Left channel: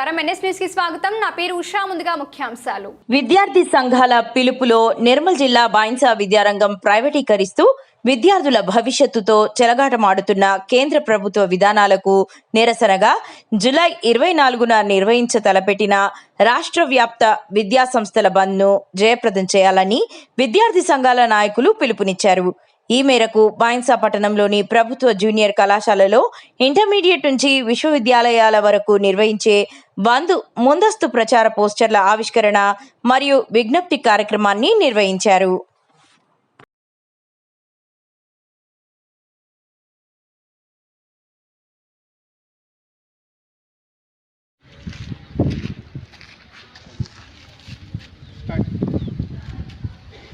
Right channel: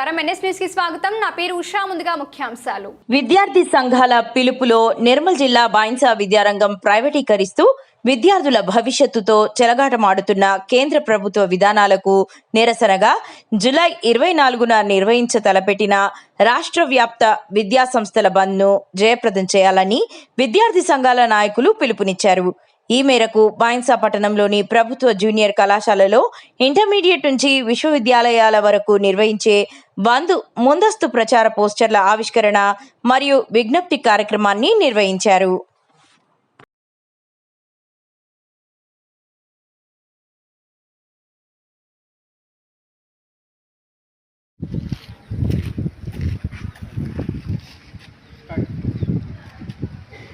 నమస్కారం NS news కి స్వాగతం. నా పేరు ఉషా. ముందుగా ముఖ్యాంశాలు. విద్యార్థి సంఘాల పిలుపులో నిర్మల్ జిల్లా బాయిన్సా విద్యారంగం ప్రైవేటీకరిస్తూ విద్యార్థుల భవిష్యత్తుతో చెలగాటమాడుతున్న కేంద్ర ప్రభుత్వ విధానాలకు నిరసనగా జూలై 24న నిర్వహించ తలపెట్టిన రాష్ట్ర వ్యాప్త విద్యా సంస్థల బంద్ను జయప్రదం చేయాలని విద్యార్థి సంఘాల నాయకులు పిలుపునిచ్చారు. ఈ మేరకు బాయిన్సా పట్టణంలోని ప్రభుత్వ జూనియర్ కళాశాలలో ఇంటర్మీడియట్ నుంచి విశ్వవిద్యాలయాల వరకు నిర్వహించే బంద్ ముందస్తు ప్రచార పోస్టర్ల ఆవిష్కరణ మరియు విజ్ఞప్తి కార్యక్రమాన్ని నిర్వహించారు.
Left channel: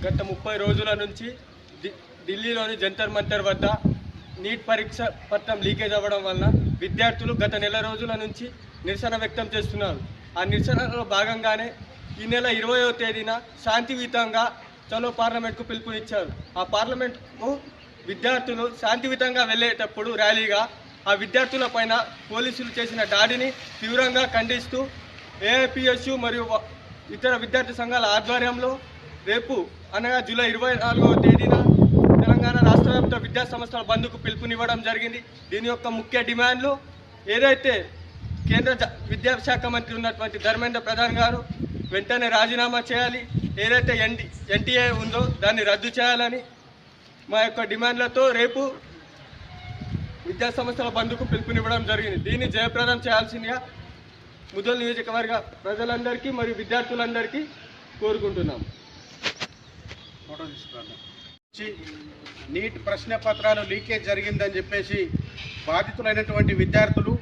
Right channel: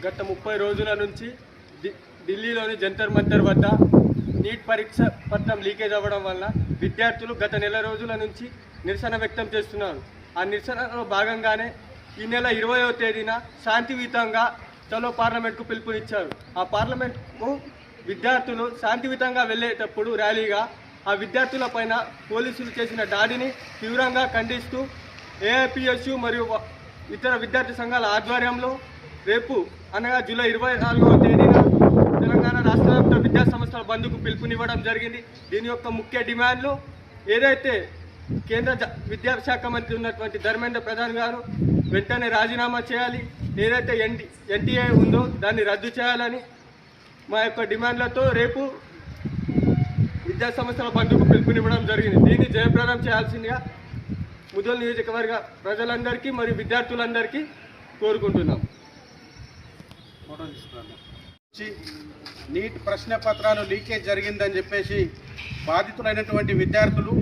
గత 30 రోజుల నుంచి ఢిల్లీలోని జంతర్ మంతర్ వద్ద నీట్ పరీక్ష పత్రం లీకేజ్ అవ్వడం వల్ల విద్యార్థులు గత నెల రోజుల నుంచి నిరసన వ్యక్తం చేస్తున్నారు. ఆ నిరసనలో భాగంగానే ఈ నెల 20వ తేదీన శాంతియుతంగా చలో పార్లమెంట్కు పిలుపునిచ్చారు. ఆ పార్లమెంట్కు విద్యార్థులు శాంతియుతంగా వెళ్ళేటప్పుడు ర్యాలీగా ఆ విద్యార్థుల పైన పోలీసులు చేసిన దాడిని తీవ్రంగా ఖండిస్తూ ఏఐపిఎస్యు మరియు ఇతర విద్యార్థి సంఘాల ఆధ్వర్యంలో రేపు అనగా జూలై 24వ తేదీన తెలంగాణ రాష్ట్ర వ్యాప్త విద్యా సంస్థల బంద్కు పిలుపునివ్వడం జరిగింది. దీని యొక్క ముఖ్య డిమాండ్లు ఏదైతే కేంద్ర విద్యాశాఖ మంత్రి ఉన్నటువంటి ధర్మేంద్ర ప్రధాన్ గారు వెంటనే రాజీనామా చేయాలి, ఏదైతే ఎన్టీఏ ఉందో దాన్ని రద్దు చేయాలని మా యొక్క డిమాండ్లతో రేపు విద్యా సంస్థల బంద్కు పిలుపునివ్వడం జరిగింది. దీన్ని జయప్రదం చేయాల్సిందిగా ముదల్ నియోజకవర్గ ప్రజలందరికీ మరియు విద్యార్థులందరికీ కోరుకుంటున్నాం. నీట్ ప్రశ్న పత్రాలు లీకేజ్ జరిగిందని చెప్పేసి బాధితులైనటువంటి విద్యార్థులు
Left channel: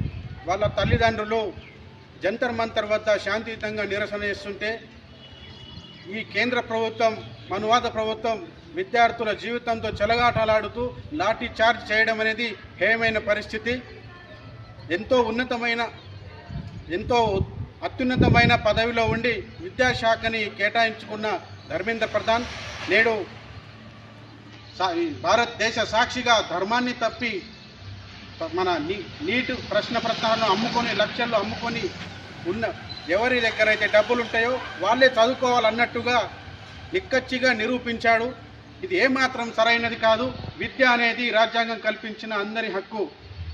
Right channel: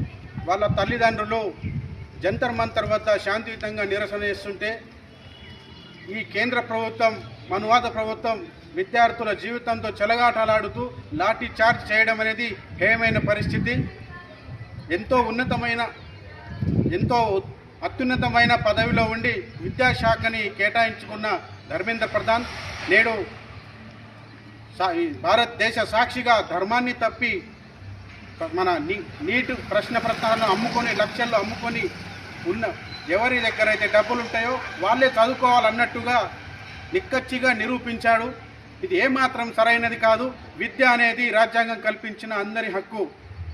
వాళ్ళ తల్లిదండ్రులు జంతర్ మంతర్ వద్ద శాంతియుతంగా నిరసన చేస్తుంటే ఈ కేంద్ర ప్రభుత్వం మనువాద ప్రభుత్వం విద్యార్థుల జీవితంతో చెలగాటలాడుతూ లాఠీ చార్జ్ చేయడం అనేది హేయమైన పరిస్థితి. ఎంతో అత్యున్నతమైన పదవిలో ఉండి విద్యాశాఖని కేటాయించుకున్న ధర్మేంద్ర ప్రధాన్ నేడు భారతదేశ సాక్షిగా ధర్మాన్ని తప్పి మన నీట్ ప్రశ్న పత్రాలను అమ్ముకొని లక్షల్లో అమ్ముకొని ఉన్న ఎవరి దగ్గర అయితే డబ్బులు ఉంటాయో వాళ్ళే చదువుకోవాలన్నట్టుగా నిక్కచ్చిగా నిరూపించాడు. ఇది ఏమాత్రం సరైనది కాదు. విద్య అనేది రాజ్యాంగం కల్పించిన అందరి హక్కు,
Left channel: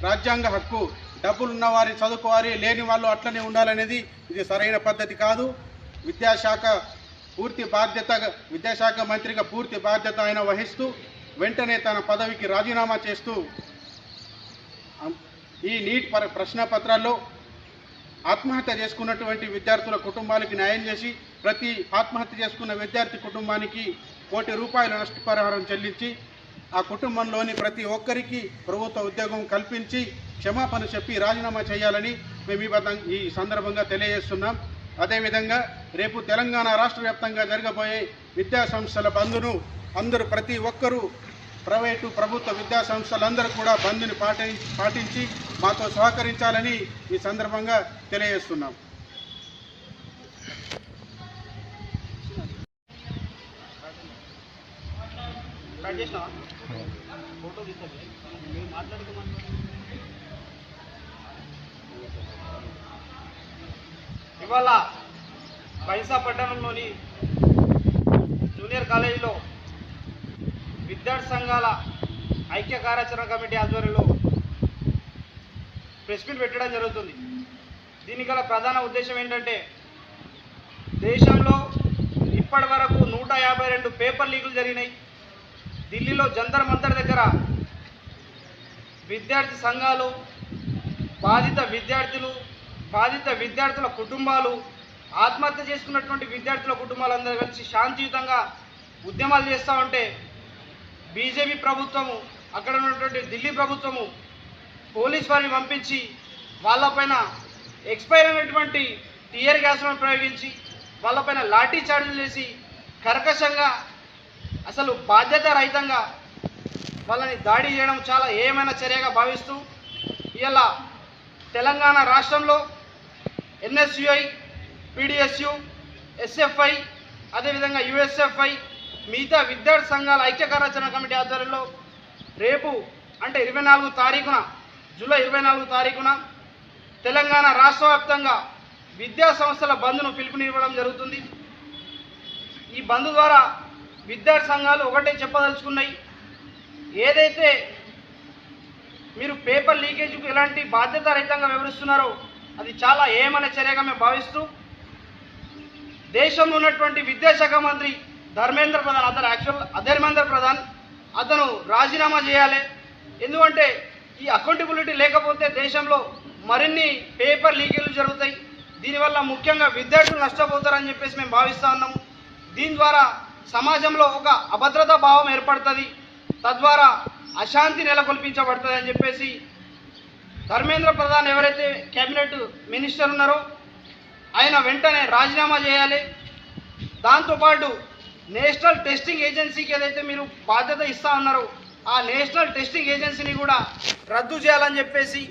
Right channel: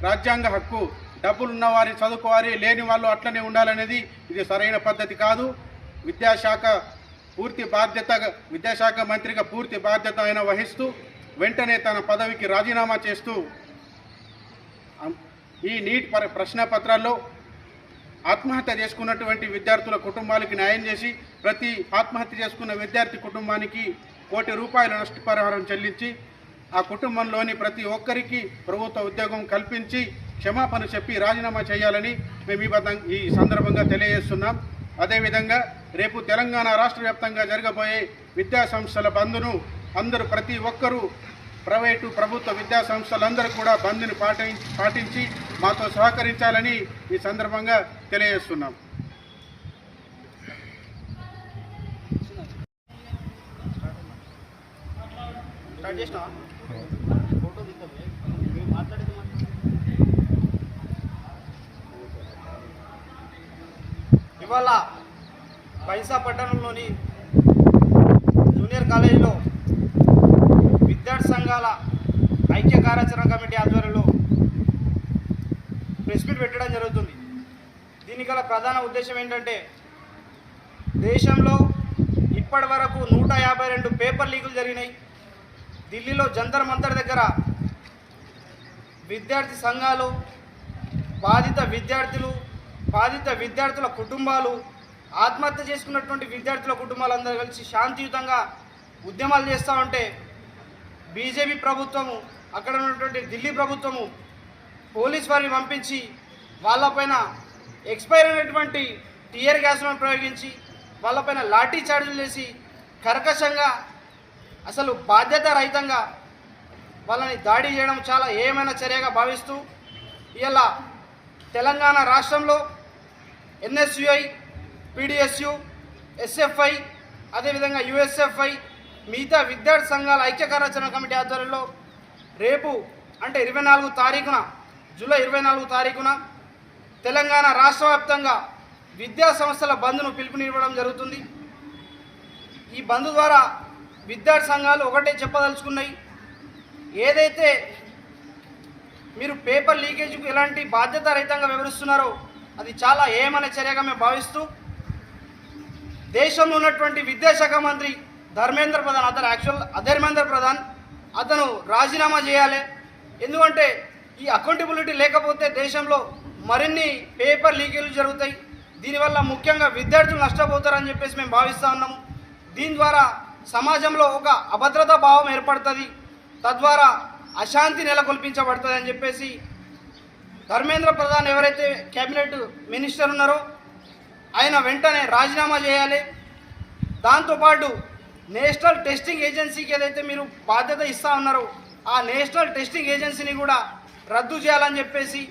రాజ్యాంగ హక్కు. డబ్బులు ఉన్నవారి చదువుకోవాలి, లేని వాళ్ళు అట్లనే ఉండాలనేది ఇది సరైన పద్ధతి కాదు. విద్యాశాఖ మంత్రిగా పూర్తి బాధ్యత ఆయన వహిస్తూ వెంటనే తన పదవికి రాజీనామా చేస్తూ ఈ నీట్ ప్రశ్న పత్రాల్లో ఆత్మహత్య చేసుకున్నటువంటి విద్యార్థుల కుటుంబాలకి న్యాయం చేసి ప్రతి ఆత్మహత్య చేసుకున్న విద్యార్థి కుటుంబానికి ₹1 కోటి నష్టపరిహారం చెల్లించి ఆ కుటుంబంలోని ప్రతి ఒక్కరికి ప్రభుత్వ ఉద్యోగం కల్పించి క్షమాపణ చెప్పి రాజీనామా చేయాలని మేము ఈ సందర్భంగా తెలియజేస్తున్నాం. అదేవిధంగా రేపు తెలంగాణ రాష్ట్ర వ్యాప్తంగా జరగబోయే విద్యా సంస్థల బంద్ను అందరూ ప్రతి ఒక్కరూ ప్రైవేటు ప్రభుత్వ విద్యా సంస్థలందరూ కూడా బంద్ని పాటించి మాతో సహకరించాలని ఈ సందర్భంగా తెలియజేస్తున్నాం. ఇవాళ బైన్సా పట్టణంలోని జూనియర్ కాలేజీలో విద్యార్థి సంఘాల ఐక్య కార్యాచరణ కమిటీ ఆధ్వర్యంలో ప్రెస్ మీట్ పెట్టడం జరుగుతుంది. దీనికి గల ప్రధాన ఉద్దేశం ఏంటంటే దేశంలో ఇప్పటి వరకు 152 పేపర్ లీకులు జరిగినాయి. ఢిల్లీలో జంతర్ మంతర్ దగ్గర విద్యార్థి సంఘాలు, బాధిత విద్యార్థుల కుటుంబాలు, ఆత్మహత్య చేసుకున్నటువంటి విద్యార్థుల కుటుంబాలందరూ కలిసి శాంతియుతంగా ఉద్యమాలు చేస్తూ ఉంటే బీజేపీ ప్రభుత్వము, అక్కడ ఉన్నటువంటి ఢిల్లీ ప్రభుత్వము పోలీస్ వారిని పంపించి వాళ్ళపైన ఎక్స్పైర్ అయినటువంటి టియర్ గ్యాస్లను ప్రయోగించి వాళ్ళపైన లాఠీ చార్జీలు చేసి కర్కశంగా అసలు బాధ్యత రహితంగా వాళ్ళని దాడి చేయడం చాలా ఏమైనా చర్యగా భావిస్తూ ఇలా తెలంగాణ రాష్ట్రంలో ఎన్ఎస్యుఐ, పీడిఎస్యు, ఎస్ఎఫ్ఐ, అదేవిధంగా యుఎస్ఎఫ్ఐ, మిగతా విద్యార్థి సంఘాల ఐక్య కార్యాచరణ కమిటీ ఆధ్వర్యంలో రేపు అంటే 24 తారీఖున జూలై 24 తారీఖున తెలంగాణ రాష్ట్ర వ్యాప్తంగా విద్యా సంస్థల బంద్ను పిలుపునివ్వడం జరుగుతుంది. ఈ బంద్ ద్వారా విద్యార్థి సంఘాలు ఒకటే చెప్పదలుచుకున్నాయి, ఏదైతే మీరు పేపర్ లీకేజ్కు ఎలాంటి బాధ్యతారహితంగా వివరిస్తున్నారో అది చాలా ఏమనే చర్యగా మేము భావిస్తూ, దేశంలో ఉన్నటువంటి విద్యాశాఖ మంత్రి ధర్మేంద్ర ప్రధాన్, అధర్మేంద్ర ప్రధాన్ అతను రాజీనామా చేయాలి. ఎందుకంటే ఈ అకౌంటబిలిటీ లేకపోతే దేశంలో మరిన్ని పేపర్ లీకేజీలు జరుగుతాయి. దీనివల్ల ముఖ్యంగా విద్యార్థులు నష్టపోతారని చెప్పేసి మేము భావిస్తూ ఉన్నాము. దీని ద్వారా సమాజంలో ఒక అభద్రతా భావం ఏర్పడుతుంది, తద్వారా అశాంతి నెలకొల్పించబడుతుంది అని చెప్పేసి ధర్మేంద్ర ప్రధాన్ ఎవరైతే కేబినెట్ మినిస్టర్ ఉన్నారో ఆయన వెంటనే రాజీనామా చేయాలి. దాంతోపాటు నేషనల్ టెస్టింగ్ ఏజెన్సీకి ఏదైతే మీరు బాధ్యత ఇస్తా ఉన్నారో ఆ నేషనల్ టెస్టింగ్ ఏజెన్సీని కూడా రద్దు చేయాలని చెప్పేసి,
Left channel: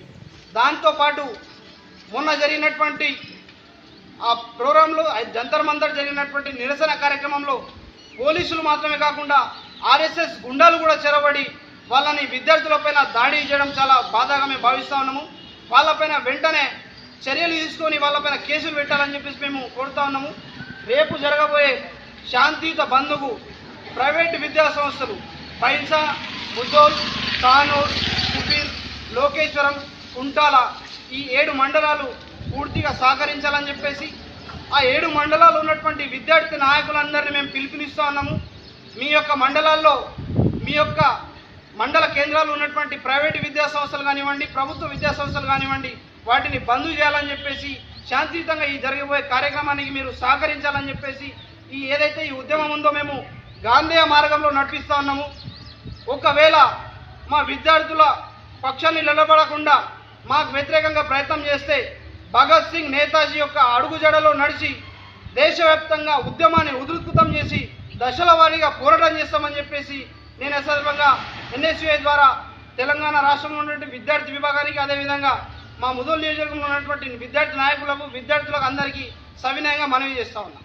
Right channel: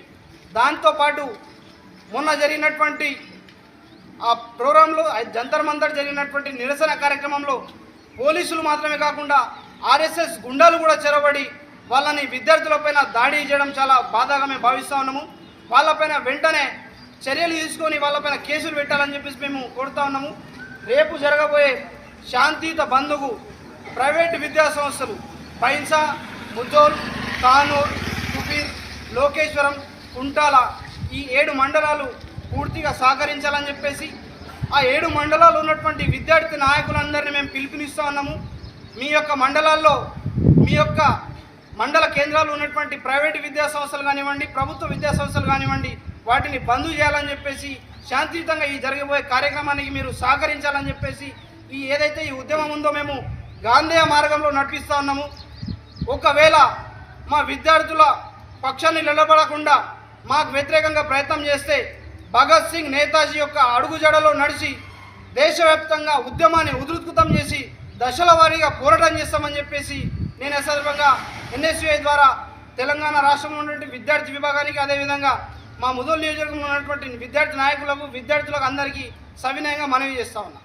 దాంతోపాటు మొన్న జరిగినటువంటి ఆ ప్రోగ్రాంలో జంతర్ మంతర్ జరిగినటువంటి నిరసన కార్యక్రమంలో పోలీసులు మాత్రమే కాకుండా ఆర్ఎస్ఎస్ గుండాలు కూడా చెరబడి వాళ్ళని విద్యార్థులపైన దాడి చేయడం చాలా బాధగా మేము భావిస్తూ ఉన్నాము. వాళ్ళపైన వెంటనే చర్యలు తీసుకొని వాళ్ళపైన కేసులు పెట్టాలని చెప్పేసి మేము కోరుతా ఉన్నాము. రేపు జరగబోయే శాంతియుత బంద్కు ప్రైవేటు విద్యా సంస్థలు బైన్సా, ముద్దోల్, కానూర్, కుబీర్, లోకేశ్వరం, కుంటాల ఈ 7 మండలాలు పూర్తిగా సహకరించాలని చెప్పేసి ఆ 7 మండలాలు ఉన్నటువంటి విద్యార్థి నాయకులందరినీ మేము పిలుపునిస్తూ ఉన్నాము. మీ యొక్క మండలాల్లో మీ యొక్క మండల కేంద్రాలు ఉన్నటువంటి ప్రైవేటు విద్యా సంస్థలు కానివ్వండి, ప్రభుత్వ విద్యా సంస్థలు కానివ్వండి, వాటిని బంద్ చేయాలని చెప్పేసి, శాంతియుతంగా ఈ జరగబోయే కార్యక్రమానికి మీరు సహకరించాలని చెప్పేసి, ఏదైతే ఈ ఉద్యమం ఉందో మేము గాంధేయ మార్గంలో నడిపిస్తూ ఉన్నాము. ఒకవేళ మా విద్యార్థుల పక్షాన్ని నిలబడకుండా మాకు వ్యతిరేకంగా ప్రయత్నం చేస్తే భగత్ సింగ్, నేతాజీ యొక్క అడుగుజాడలో నడిచి దేశవ్యాప్తంగా ఉద్యమాన్ని ఉధృతం చేసి దశల వారీగా పోరాటం చేస్తామని చెప్పేసి నేను సందర్భంగా NSUI ద్వారా తెలంగాణ రాష్ట్రంలో ఉన్నటువంటి విద్యార్థి విభాగానికి, అదేవిధంగా మా ముదోల్ నియోజకవర్గంలో ఉన్నటువంటి విద్యార్థి నాయకులకు, విద్యార్థులకు అందరికీ సవినయంగా మనవి చేస్తా ఉన్నాం.